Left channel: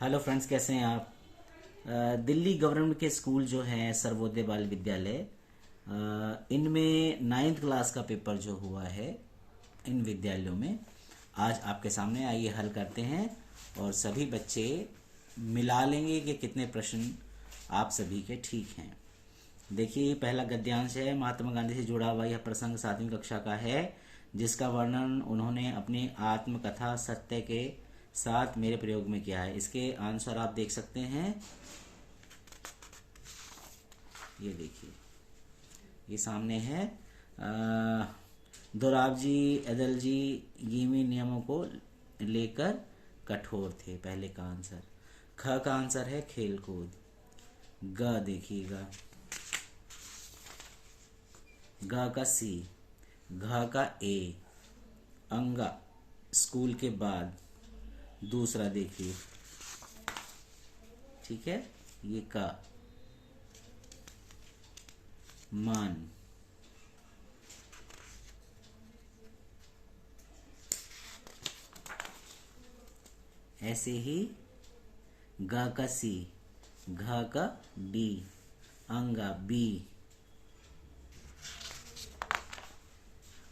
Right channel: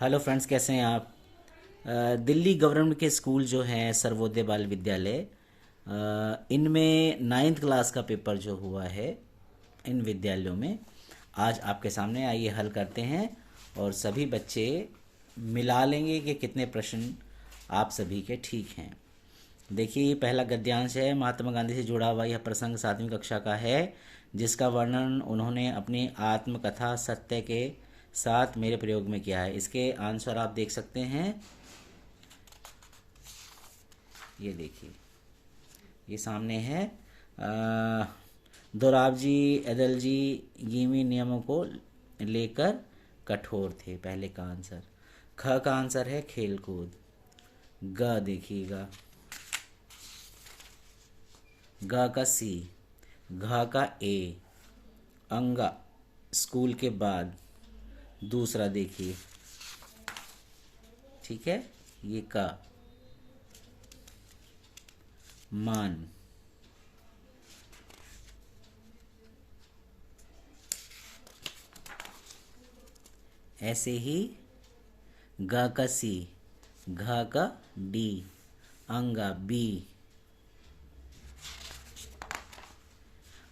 Hello friends, कैसे हैं आप। दिल्ली गवर्नमेंट के स्कूल जो हैं सर्वोदय बाल विद्यालय, इनमें नाइन्थ क्लास का पेपर जो हुआ है इन विद्यालयों में आज आपके सामने आइए हल करते हैं। और सभी बच्चे मिला लेंगे कि कितने प्रश्न आप सभी के ठीक हैं। देखिए, पहला गद्यांश है। महात्मा गांधी से जुड़ा हुआ यह प्रसंग 7वीं कक्षा का है, जिसका वर्णन उन्होंने अपनी आत्मकथा सत्य के साथ मेरे प्रयोग में किया है। इसके आंसर आप देख सकते हैं। ये देखिए, ये सामने है। दोराबजी एदलजी गिमी नियमों को लेकर कठोर थे, पहले का आंसर। ख का आंसर है खेलकूद। ग देखिएगा, ग का सी, घ का ए, अंगा स्कूल के बाद। दूसरा देखिए, ठीक है, ये का मान। ऐसे ही ग का सी, घ का डी, अंगा बी।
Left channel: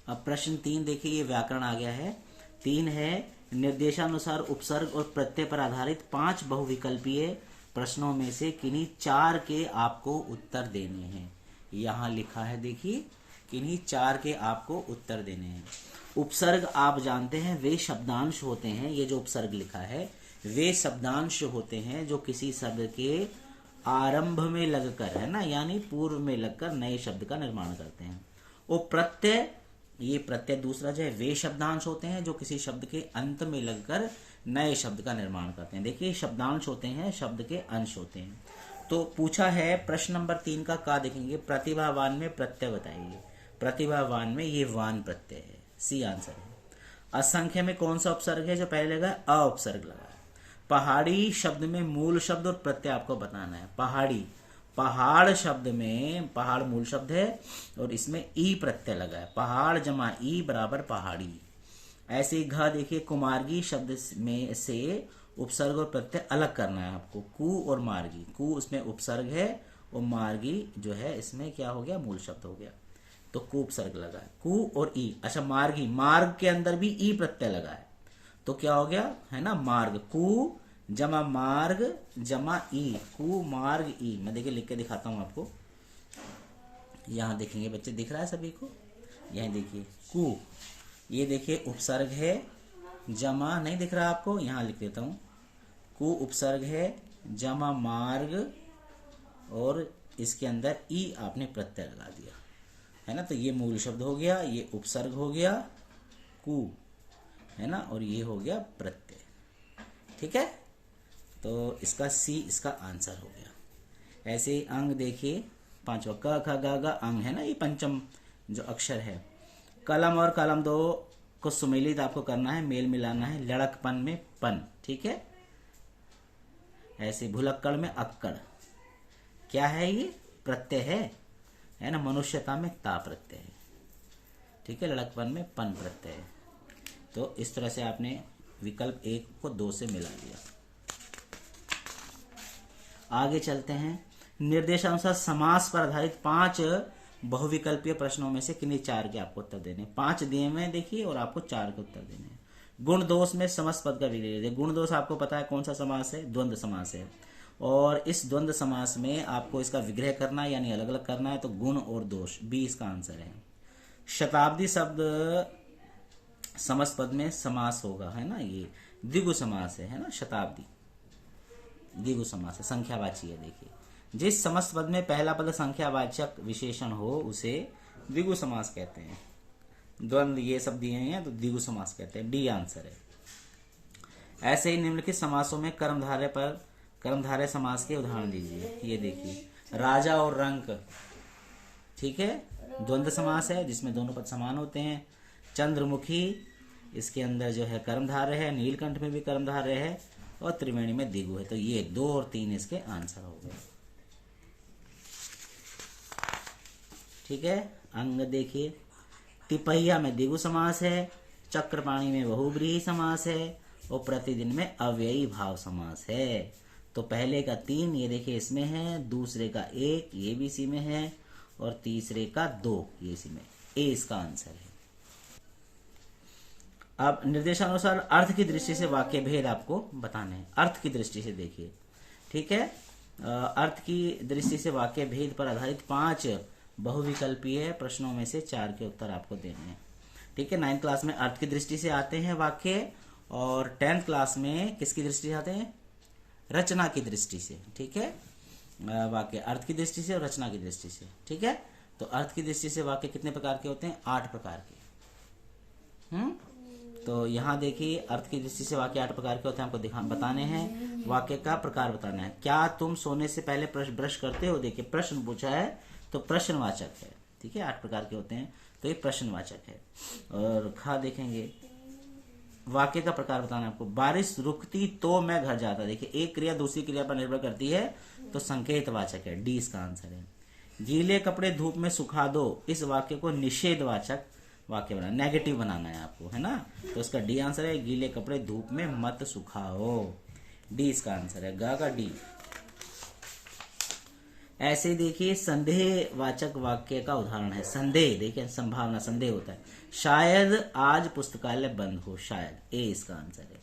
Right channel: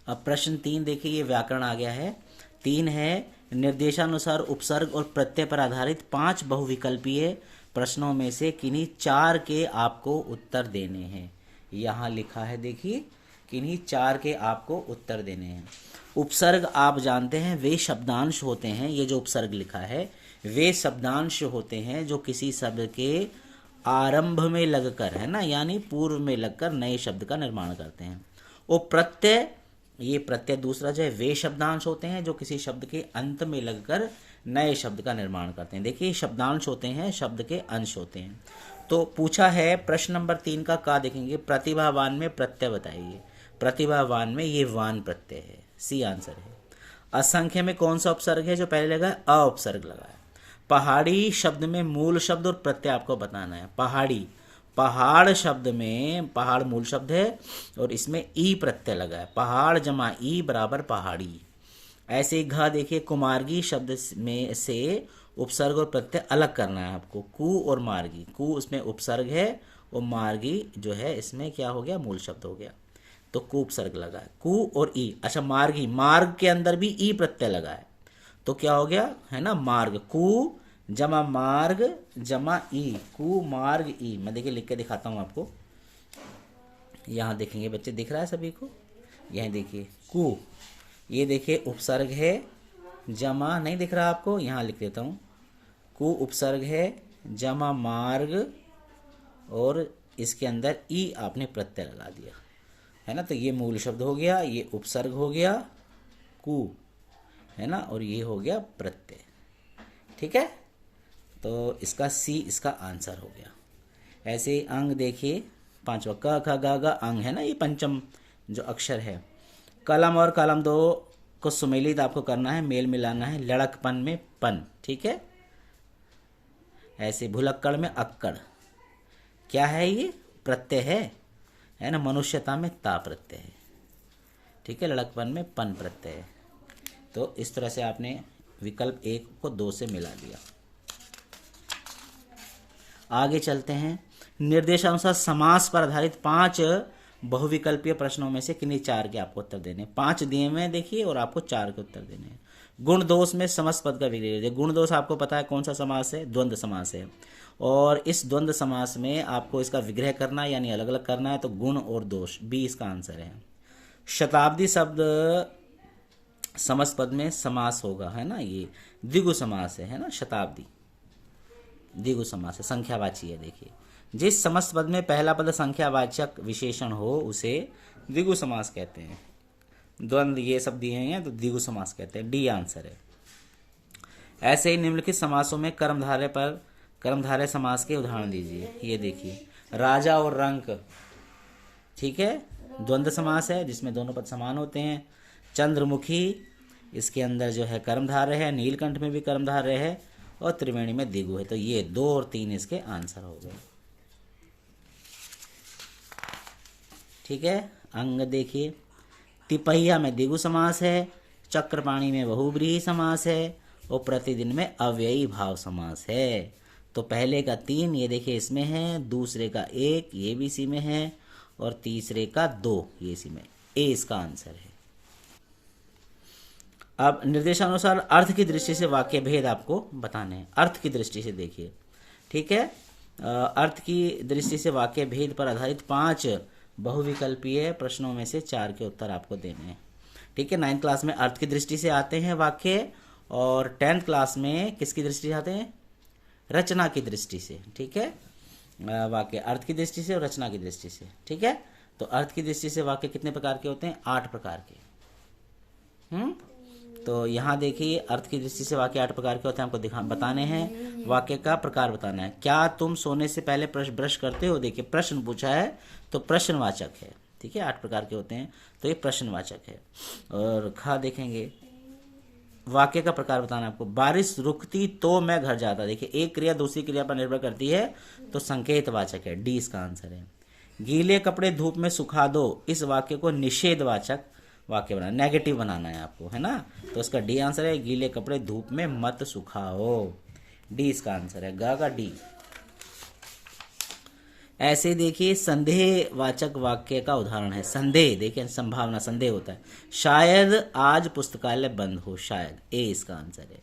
अब प्रश्न 3 देखिए, ये व्याकरण आ गया है। 3 है, निर्देशानुसार उपसर्ग और प्रत्यय पर आधारित 5 बहुविकल्पीय प्रश्नों में से किन्हीं 4 के आपको उत्तर देने हैं। यहाँ लिखा है, देखिए, किन्हीं 4 के आपको उत्तर देने हैं। उपसर्ग आप जानते हैं वे शब्दांश होते हैं। ये जो उपसर्ग लिखा है वे शब्दांश होते हैं जो किसी शब्द के आरंभ में लगकर, है ना, यानी पूर्व में लगकर नए शब्द का निर्माण करते हैं। और प्रत्यय, ये प्रत्यय दूसरा जो है, वे शब्दांश होते हैं जो किसी शब्द के अंत में लगकर नए शब्द का निर्माण करते हैं। देखिए, शब्दांश होते हैं, शब्द के अंश होते हैं। तो पूछा है प्रश्न नंबर 3 का देखेंगे, प्रतिभावान में प्रत्यय बताइए। प्रतिभावान में ये वान प्रत्यय है, सी आंसर है। असंख्य में कौन सा उपसर्ग है जो पहले लगा है? अ उपसर्ग लगा है। पहाड़ी शब्द में मूल शब्द और प्रत्यय आपको बताना है। पहाड़ी, पहाड़ शब्द में पहाड़ मूल शब्द है और इसमें ई प्रत्यय लगा है। पहाड़ जमा ई बराबर पहाड़ी। ऐसे ही घ देखिए, कुमारगी शब्द में से उपसर्ग और प्रत्यय अलग करना है आपको। कु और मार्गी, कु उसमें उपसर्ग है और मार्गी जो है इसमें क्या हो गया? मूल शब्द हो गया। तो कु उपसर्ग लगा है, कु और ई। अच्छा, मार्गी, मार्ग के अंदर भी ई प्रत्यय लगा है, तो क्या हो गया? है ना, मार्ग। कु जमा मार्ग जमा ई, कु मार्ग ई। मैं देखिए लिख के दिखाता हूँ आपको। यहाँ देखेंगे बच्चे, दिख रहा है सभी को? यहाँ देखिए, कु, ये देखिए उपसर्ग है, जमा नहीं दिख रहा आपको? यहाँ लिख देता हूँ। कु उपसर्ग है, जमा मार्ग, और इसके अंदर ई आपने प्रत्यय लगा दिया, है ना। तो ये मूल शब्द हो गया, ये उपसर्ग हो गया कु, है ना, और ये हो गया प्रत्यय। ठीक है, तो इसका सी इसका आंसर हो गया। ऐसे ही अंग देखिए, 5वां क ख ग घ अंग है ना, ये पंचम जो अक्षर है। कलम और कलम दो को सुमेलित आपको करना है, मेल मिलाना है। लड़कपन में पन, ठीक है। ऐसे भुलक्कड़ में अक्कड़, क्या है ये? प्रत्यय है ना। मनुष्यता में ता प्रत्यय है, ठीक है। लड़कपन में पन प्रत्यय है। तो इस तरह से आपने विकल्प 1 को 2 से मिला दिया। आगे चलते हैं। निर्देशानुसार समास पर आधारित 5 बहुविकल्पीय प्रश्नों में से किन्हीं 4 के आपको उत्तर देने। 5 दिए हुए हैं देखिए, और आपको 4 के उत्तर देने हैं। गुण दोष में समस्त पद का विग्रह। गुण दोष आपको पता है कौन सा समास है? द्वंद्व समास है। और इस द्वंद्व समास में आपको इसका विग्रह करना है, यानी अलग अलग करना है। तो गुण और दोष, बी इसका आंसर है। शताब्दी शब्द समस्त पद में समास होगा, है ना। ये द्विगु समास है ना। शताब्दी द्विगु समास है, संख्यावाची है। देखिए, जिस समस्त पद में पहला पद संख्यावाचक विशेषण हो उसे द्विगु समास कहते हैं। द्वंद्व ये सब दिए हैं तो द्विगु समास कहते हैं, डी आंसर है। ऐसे ही निम्नलिखित समासों में कर्मधारय पर कर्मधारय समास के उदाहरण दीजिए। ये देखिए, राजा और रंक, ठीक है, द्वंद्व समास है जिसमें दोनों पद समान होते हैं। चंद्रमुखी, इसके अंदर जो है कर्मधारय है। नीलकंठ में भी कर्मधारय है, और त्रिवेणी में द्विगु है। तो ये 2 और 3 इसके आंसर हो गए, ठीक है। अंग देखिए, तिपहिया में द्विगु समास है। चक्रपाणी में बहुब्रीहि समास है। और प्रतिदिन में अव्ययी भाव समास है। तो पहले का 3 ये देखिए इसमें है, दूसरे का 1 ये भी इसी में है, और तीसरे का 2 ये इसी में। ए इसका आंसर है। अब निर्देशानुसार अर्थ की दृष्टि से वाक्य भेद आपको बताने हैं। अर्थ की दृष्टि से देखिए, ठीक है। अर्थ की दृष्टि से वाक्य भेद पर आधारित 5 बहुविकल्पीय प्रश्नों में से 4 के उत्तर आपको देने हैं, ठीक है। 9th क्लास में अर्थ की दृष्टि से आते हैं वाक्य, और 10th क्लास में किसकी दृष्टि से आते हैं? रचना की दृष्टि से, ठीक है। वाक्य अर्थ की दृष्टि से और रचना की दृष्टि से, ठीक है। तो अर्थ की दृष्टि से वाक्य कितने प्रकार के होते हैं? 8 प्रकार के। तो यहाँ देखिए अर्थ की दृष्टि से वाक्य 8 प्रकार के होते हैं, आपको बताने हैं। वाक्य का प्रकार बताना है। क्या तुम सोने से पहले ब्रश करते हो? देखिए प्रश्न पूछा है तो प्रश्नवाचक है, ठीक है। 8 प्रकार के होते हैं तो ये प्रश्नवाचक है। और खा देखेंगे, वाक्य का प्रकार बताना आपको। बारिश रुकती तो मैं घर जाता। देखिए एक क्रिया दूसरी क्रिया पर निर्भर करती है, तो संकेतवाचक है, डी इसका आंसर है। गीले कपड़े धूप में सुखा दो, इस वाक्य को निषेधवाचक वाक्य बनाना, नेगेटिव बनाना है आपको, है ना। तो इसका डी आंसर है, गीले कपड़े धूप में मत सुखाओ, डी इसका आंसर है, गा का डी। ऐसे देखिए संदेहवाचक वाक्य का उदाहरण है। संदेह, देखिए संभावना, संदेह होता है। शायद आज पुस्तकालय बंद हो, शायद, ए इसका आंसर है।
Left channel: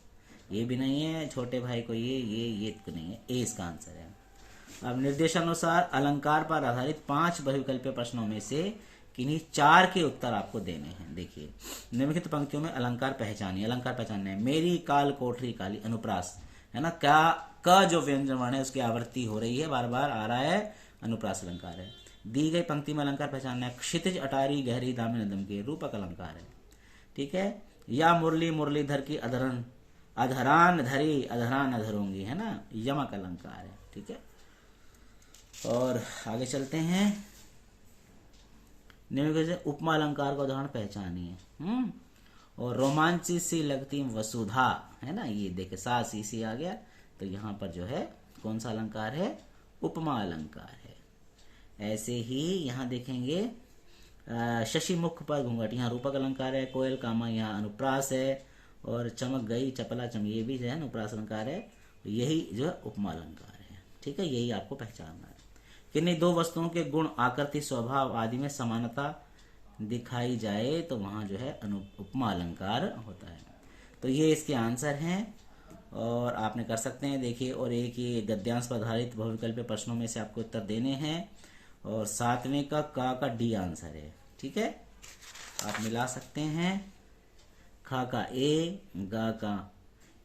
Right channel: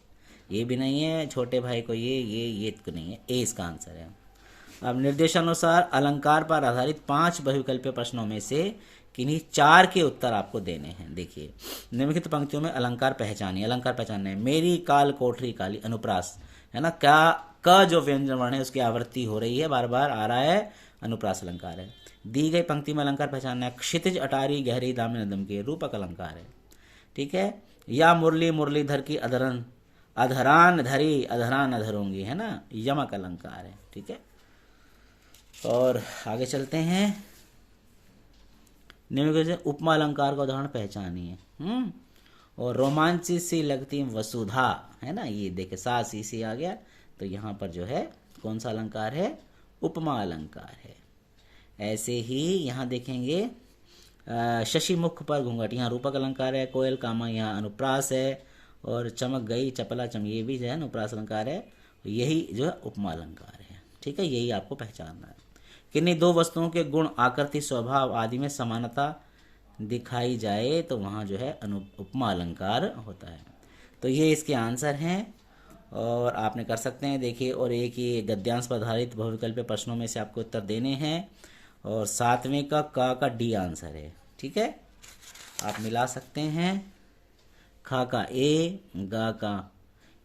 ये भी नहीं है छोटे भाई को, ये तो नहीं है, ए इसका आंसर है। अब निर्देशानुसार अलंकार पर आधारित 5 बहुविकल्पीय प्रश्नों में से किन्हीं 4 के उत्तर आपको देने हैं। देखिए निम्नलिखित पंक्तियों में अलंकार पहचानिए। अलंकार पहचानना है। मेरी काल कोठरी काली, अनुप्रास है ना। क्या क जो व्यंजन वर्ण है उसकी आवृत्ति हो रही है, बार बार आ रहा है, अनुप्रास अलंकार है। दी गई पंक्ति में अलंकार पहचानना है। क्षितिज अटारी गहरी दामिन अदम के, रूपक अलंकार है, ठीक है। या मुरली मुरलीधर की अधरन अधरान धरी अधरान अधरूंगी, है ना, यमक अलंकार है, ठीक है। और आगे चलते हैं। निम्नलिखित उपमा अलंकार का उदाहरण पहचानिए। और रोमांची सी लगती वसुधा, है ना, ये देखे सा सी सी आ गया, तो यहाँ पर जो है कौन सा अलंकार है? उपमा अलंकार है। ऐसे ही यहाँ देखेंगे शशि मुख पर घूंघट, यहाँ रूपक अलंकार है। कोयल कामा यहाँ अनुप्रास है। और चमक गई चपला चम, ये भी जो है अनुप्रास अलंकार है। यही जो है उपमा अलंकार है, ठीक है। यही आपको पहचानना है। किन्हीं 2 वस्तुओं के गुण, आकृति, स्वभाव आदि में समानता दिखाई जाए तो वहाँ जो है उपमा अलंकार होता है। तो ये इसके आंसर हैं, और आपने कर सकते हैं। देखिए, और एक ये गद्यांश पर आधारित बहुविकल्पीय प्रश्नों में से आपको उत्तर देने हैं। और 7वें का डी आंसर है, ठीक है। आप मिला सकते हैं। खा का ए, गा का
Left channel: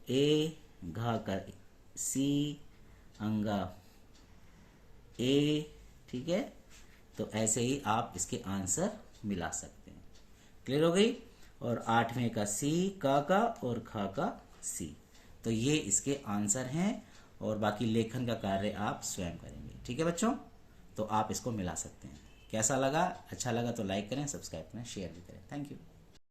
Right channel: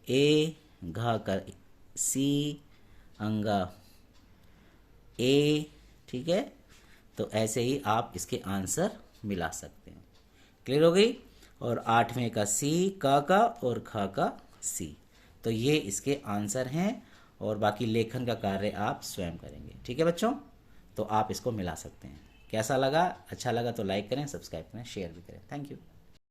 ए, घा का सी, अंगा ए, ठीक है। तो ऐसे ही आप इसके आंसर मिला सकते हैं। क्लियर हो गई। और 8वें का सी, का और खा का सी, तो ये इसके आंसर हैं। और बाकी लेखन का कार्य आप स्वयं करेंगे, ठीक है बच्चों। तो आप इसको मिला सकते हैं। कैसा लगा? अच्छा लगा तो लाइक करें, सब्सक्राइब करें, शेयर भी करें। Thank you.